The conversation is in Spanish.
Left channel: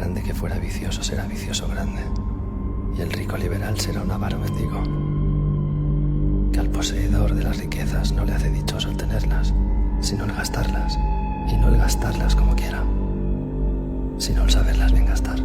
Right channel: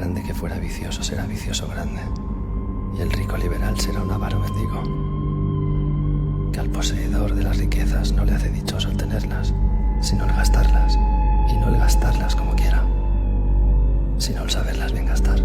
grande que fuera vicioso será vicioso grande, y el rico liberal será un avaro mendigo. Que al poseedor de las riquezas no le hace dichoso el tenerlas, sino el gastarlas, y no el gastarlas como quiera, sino el saberlas bien gastar.